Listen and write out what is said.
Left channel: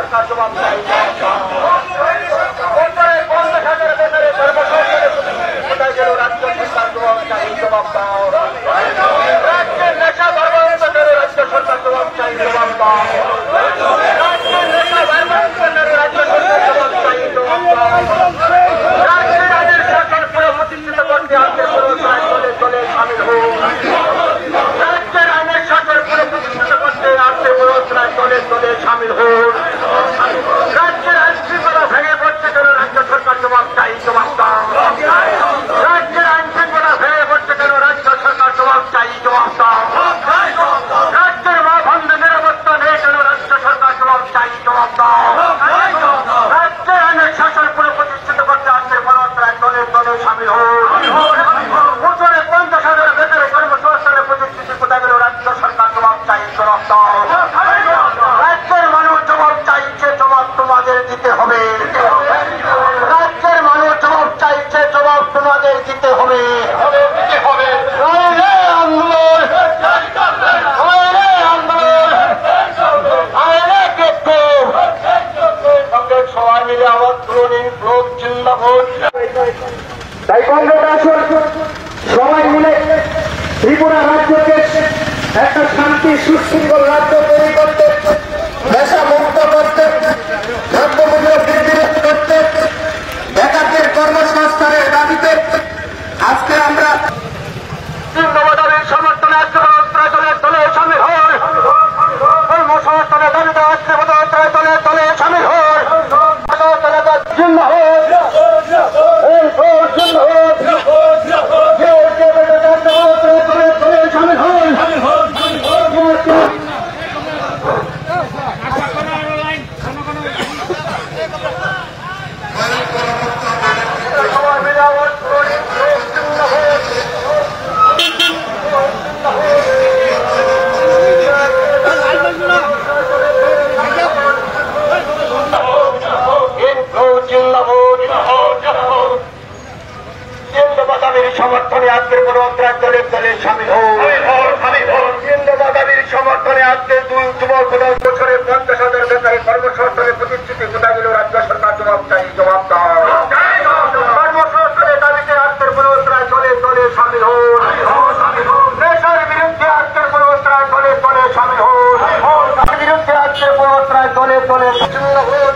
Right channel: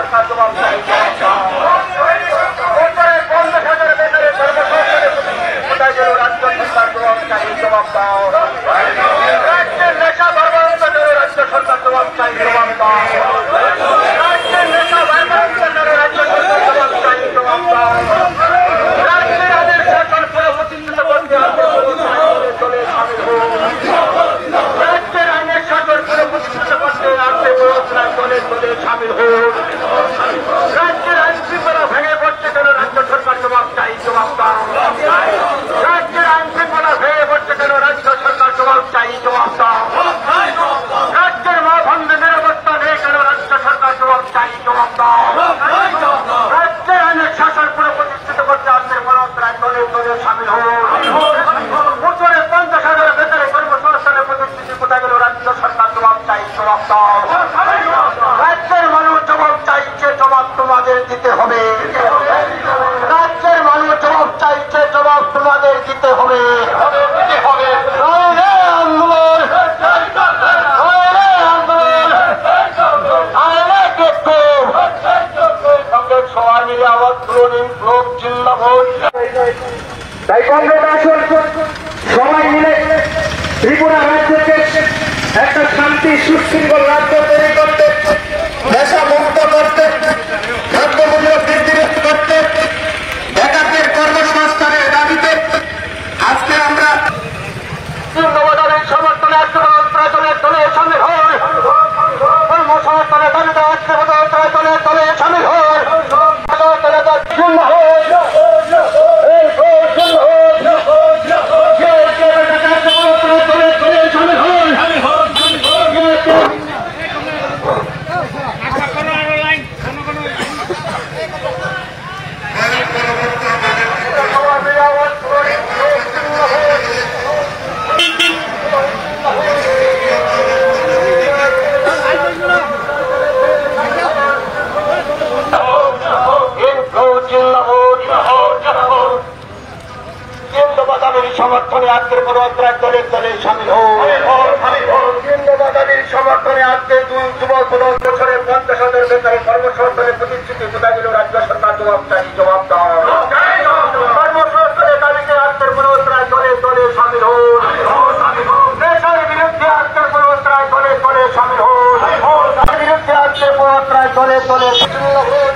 সরকার জবাব চাই। কোথায় গেল রাজ্য সরকার জবাব চাই, জবাব দাও। রাজ্যের নেশা ধর্মান্তরের রাজ্য সরকার জবাব চাই, জবাব দাও। রাজ্যের নেশা ধর্মান্তরের রাজ্য সরকার জবাব চাই, জবাব দাও। রাজ্যের আদেশ সরকার পুরো প্রতিষ্ঠিত করতে আজকের পুরোধরায় দলে দলে সামিল হোক। রাজ্যের আইনের সরকার পুরো প্রতিষ্ঠিত করতে আজকের পুরোধরায় দলে দলে সামিল হোক। রাজ্যের আইন শৃঙ্খলা ভেঙে পড়ছে কেন রাজ্য সরকার জবাব চাই, জবাব দাও। রাজ্যের আইন শৃঙ্খলা ভেঙে পড়ছে কেন রাজ্য সরকার জবাব চাই, জবাব দাও। রাজ্যের মা বন্ধনের অবস্থা নেই কেন রাজ্য সরকার জবাব চাই, জবাব দাও। রাজ্যের আইনের শাসন পুরো প্রতিষ্ঠিত করতে আজকের পুরোধরায় দলে দলে সামিল হোক। বছরে 50,000 বেকারে কর্মসংস্থানের প্রতিষ্ঠিত কোথায় গেল রাজ্য সরকার জবাব চাই, জবাব দাও। রাজ্যের মানুষ জবাব চাইছে, জবাব তোমাদের দিতে হবে। রাজ্যের মানুষ জবাব চাইছে, জবাব তোমাদের দিতে হবে। আন্দোলন সবাই মিলে আবার তুলনীয় লোক জিন্দাবাদ। তাই সবাই মিলে ত্রিপুরা রাজ্যকে একটা শান্তি সুশৃঙ্খল রাজ্য তৈরি করতে, নেশা মুক্ত করতে, দ্রব্যমূল্য বৃদ্ধি করতে, বেকারদের কর্মসংস্থানের দাবিতে আজকে আমরা জিন্দাবাদের সমর্থনে আজকে দলে দলে সামিল হয়। কর্মসংস্থানের দাবিতে আজকে দলে দলে সামিল হয়। সমর্থনে আজকের পুরোধরায় দলে দলে সামিল হোক। জিন্দাবাদের সমর্থনে আজকে যুবক 50,000 বেকারে কর্মসংস্থানের প্রতিশ্রুতি কোথায় গেল রাজ্য সরকার জবাব চাই, জবাব দাও। কর্মসংস্থানের দাবিতে আজকের পুরোধরায় দলে দলে সামিল হোক। নেশার বিরুদ্ধে আজকের পুরোধরায় দলে দলে সামিল হোক। বিরুদ্ধে আজকের পুরোধরায় দলে দলে সামিল হোক।